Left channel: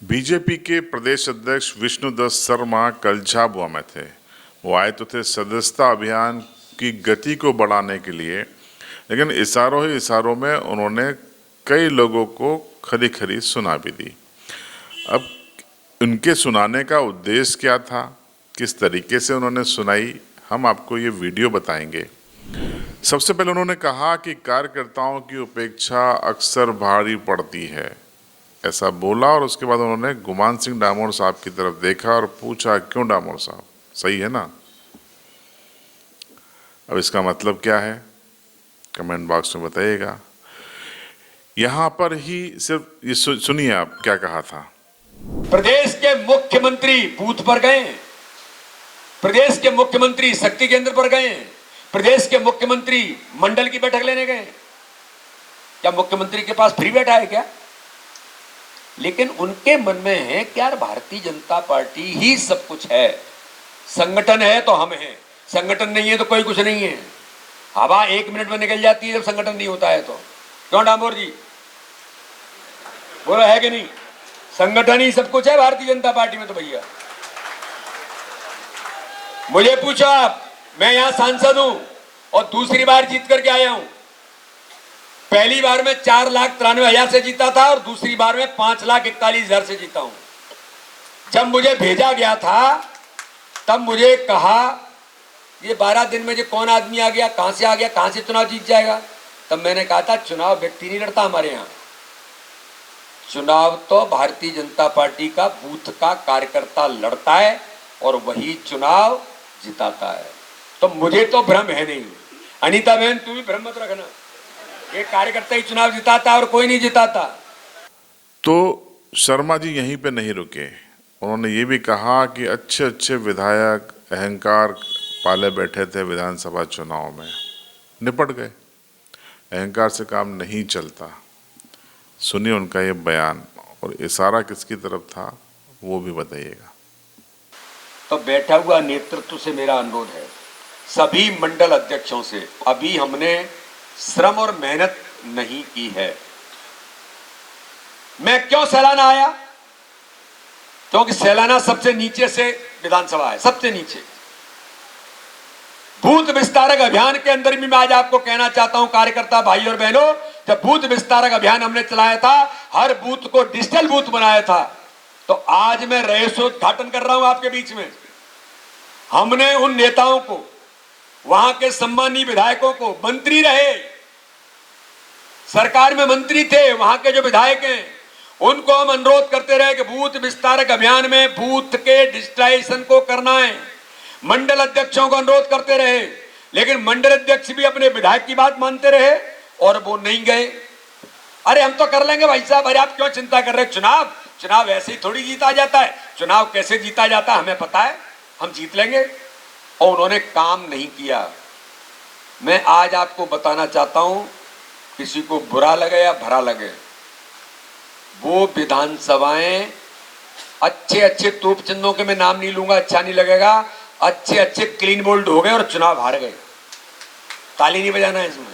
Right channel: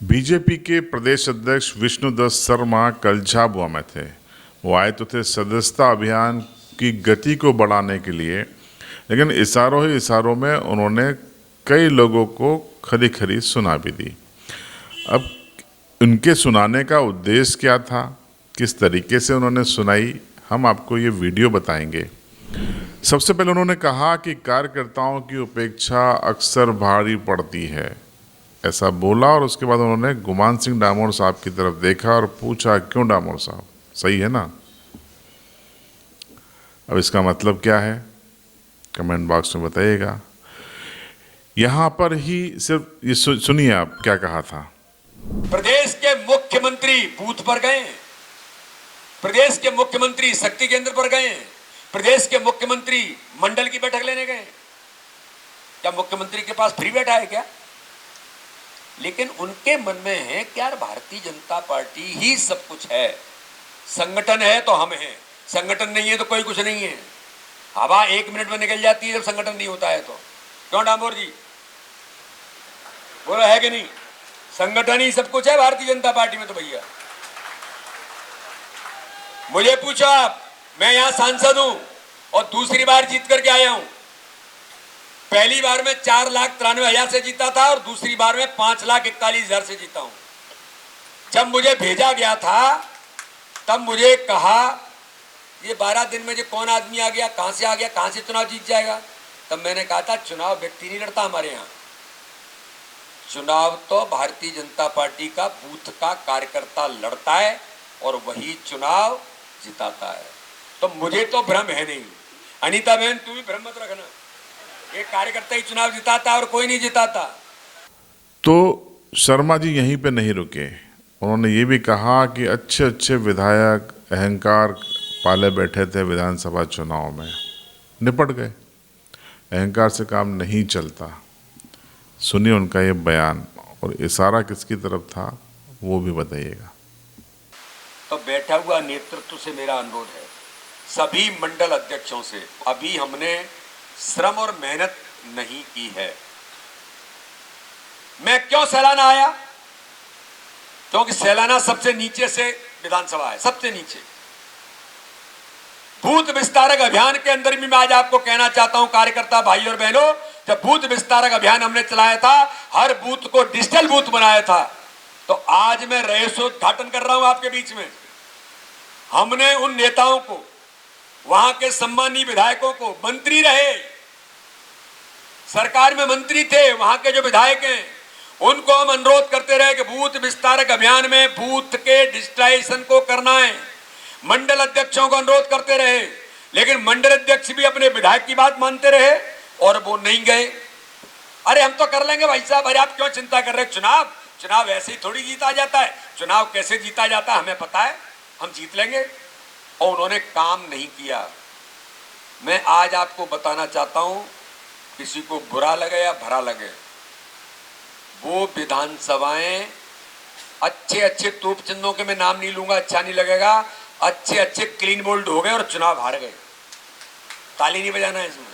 BJP के प्रदेश अध्यक्ष विष्णुदत्त शर्मा कल झाबुआ में थे। वो आए तो थे सदस्यता अभियान की गति को बढ़ाने के लिए, लेकिन इशारों ही इशारों में उन्होंने कई लोगों को खरी खरी सुना भी दी। अब उनके सुनाने का उद्देश्य क्या था, किस तरीके से उन्होंने सुनाई, हम आपको ये वीडियो बताएंगे। सबसे पहले उन्होंने कहा कि कार्यकर्ताओं की उपेक्षा अक्सर भारी पड़ती है, ऐसा बोला। और उसके बाद उन्होंने गुमान सिंह डामोर साहब की तरफ देखा और पूछा, क्यों डामोर साहब, सही है ना? अब इसका मतलब क्या है, कमेंट बॉक्स में बताइएगा। यहां पर ही सिर्फ ये सुनिए आप क्या कहा था। प्रदेश के मुख्यमंत्री बूथ पर गए, प्रदेश के मुख्यमंत्री शक्ति केंद्र पर गए, प्रदेश के मुख्यमंत्री मंडल की बैठक लेने गए। क्या मुख्यमंत्री के पास फ्री बैठा है क्या? लेकिन उनके मन में है कि यार भारतीय जनता पार्टी ही सब कुछ है, संगठन है तो हम हैं, संगठन नहीं है तो कोई कुछ नहीं है। हवा 1 मिनट में निकल जाती है जब संगठन नहीं होता है तो। क्यों डामोर जी, बोलो है कि नहीं? संगठन ही सब कुछ है भारतीय जनता पार्टी में तो भैया। मुझे पूछो आप, मैं यहां सांसद हूं और दूसरी बार जीत करके आया हूं। पहली बार में 4,93,000 से जीता था और दूसरी बार में 5,41,000 से जीता हूं। जब मुझे भेजा गया था तब मुझे कहा ये 12 दिन में जो कौन आदमी आ गया, कहां से आ गया, कहां से चुनाव जीत जाएगा। तब मैंने कहा था चुनाव व्यक्ति नहीं लड़ता हमारे यहां, चुनाव तो भारतीय जनता पार्टी का बूथ का कार्यकर्ता लड़ता है और वही चुनाव जिताता है। तो मुझे तो भ्रम है नहीं। अनीता बहन तू भी भ्रम मत रखना, ये कार्यकर्ता ही चुनाव जिताता और कोई नहीं जिताता। तो शर्मा जी यहीं पे नहीं रुके, उन्होंने ये भी कहा कि अच्छे अच्छे विधायक अहंकार पाले बैठे थे विधानसभा चुनाव में, निपट गए। अहंकार से काम नहीं चलता। सुनिए उनका ये बयान, और इशारा किसकी तरफ था वो भी बताइएगा। तो बैठा हुआ नेतृत्व से मेरा अनुरोध है, सभी मंडल अध्यक्षों से, अभी हमने श्रम और मेहनत नहीं की है। मैं क्यों सैलाना आया? क्योंकि सैलाना सबसे नीचे से विधानसभा है, सबसे नीचे। बूथ विस्तारक अभियान के अंदर भी मैं आज आपको कहना चाहता हूं कार्यकर्ता भाई और बहनों, जब बूथ विस्तारक अभियान हमने चलाया था, हर बूथ को डिजिटल बूथ बनाया था, तो आज मैं रजतोद्घाटन कर रहा हूं आपके बीच में। हमने उन नेताओं को, वहां के सम्मानीय विधायकों को, मंत्री रहे, सरकार में मंत्री थे, वहां के जो विधायक हैं, उनको हम अनुरोध करते रहे कि बूथ विस्तारक अभियान में बूथ के डिजिटाइजेशन को करना है। मंडल अध्यक्षों को अनुरोध करते रहे, लेकिन मंडल अध्यक्ष भी अपने विधायक की बात मानते रहे और वो नहीं गए। अरे हम तो कर लेंगे भाई साहब, अरे आप क्यों चिंता कर रहे हैं? चुनाव ऐसे ही थोड़ी जीता जाता है, चुनाव कैसे जीता जाता है हमें पता है, हम जीत लेंगे। और उन्होंने काम नहीं किया। मैं आज आपको बताना चाहता हूं, किसी को बुरा लगे या भरा लगे, वो विधानसभाएं अच्छे अच्छे तोप चिन्हों के मैं नाम नहीं लूंगा, अच्छा नहीं लगेगा, अच्छे अच्छे क्लीन बोल्ड हो गए और चुनाव हार गए। ताली नहीं बजाना है इसमें।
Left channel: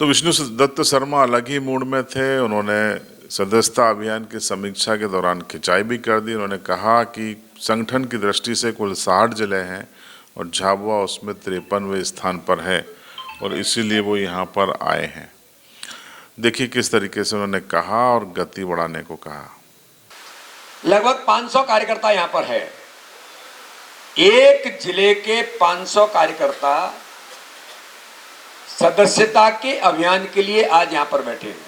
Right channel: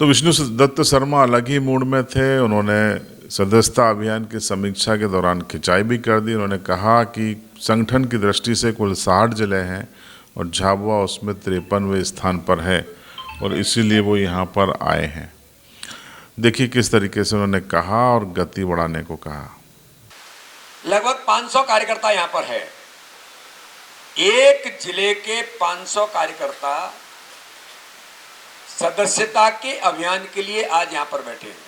तो विष्णुदत्त शर्मा अलग ही मूड में थे। उन्होंने सदस्यता अभियान की समीक्षा के दौरान खिंचाई भी कर दी। उन्होंने कहा कि संगठन की दृष्टि से कुल 60 जिले हैं और झाबुआ उसमें 53वें स्थान पर है और इसीलिए वो यहाँ पर आए हैं। देखिए किस तरीके से उन्होंने कहा और गति बढ़ाने को कहा। लगभग 500 कार्यकर्ता यहां पर है। एक जिले के 500 कार्यकर्ता सदस्यता के अभियान के लिए आज यहां पर बैठे हैं।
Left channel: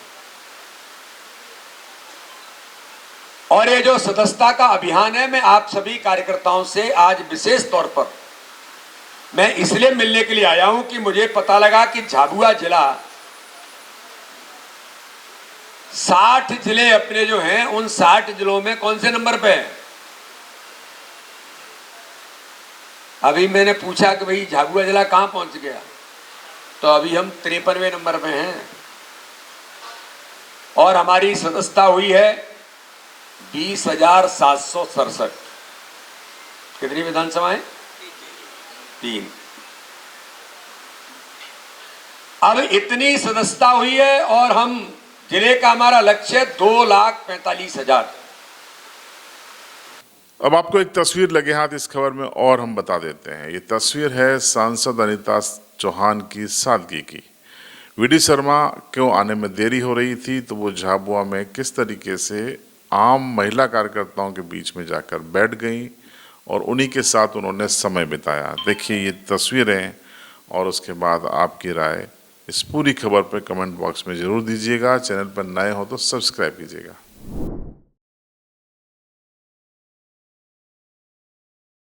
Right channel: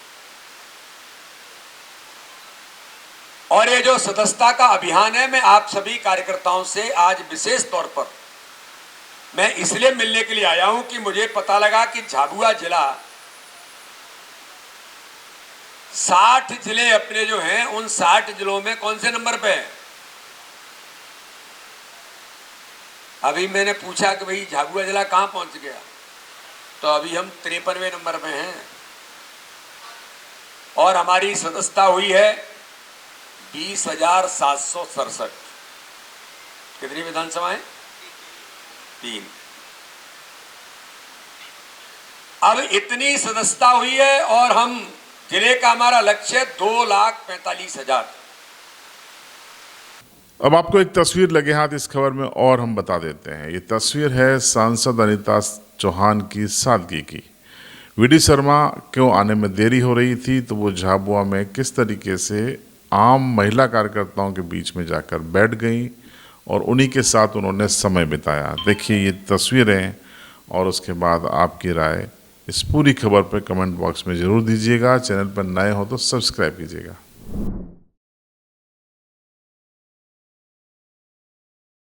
और ये जो सदस्यता का अभियान है, मैं आप सभी कार्यकर्ताओं से आज विशेष तौर पर मैं इसलिए मिलने के लिए आया हूं कि मुझे पता लगा कि झाबुआ जिला 60 जिले अपने जो हैं, उन 60 जिलों में कौन से नंबर पे है? अभी मैंने पूछा कि भाई झाबुआ जिला कहां पहुंच गया, तो अभी हम 53वें नंबर पे हैं और हमारी सदस्यता हुई है 20,767। कितनी विधानसभाएं? 3। अब इतनी सदस्यता हुई है और हम जिले का हमारा लक्ष्य 2,45,000। अब आपको एक तस्वीर लगे हाथ इस खबर में और हम बता देते हैं। ये तस्वीर है सांसद अनीता चौहान की सादगी की। वीडी शर्मा क्यों आने में देरी हो रही थी, तो वो झाबुआ में किस तरीके से आम महिला कार्यकर्ताओं के बीच में जाकर बैठ गई और उन्हीं के साथ उन्होंने समय बिताया। देखिए ये तस्वीरें और उसके बाद आपकी राय इस पूरी खबर पर कमेंट बॉक्स में ज़रूर दीजिएगा। चैनल पर नए हो तो सब्सक्राइब कीजिएगा।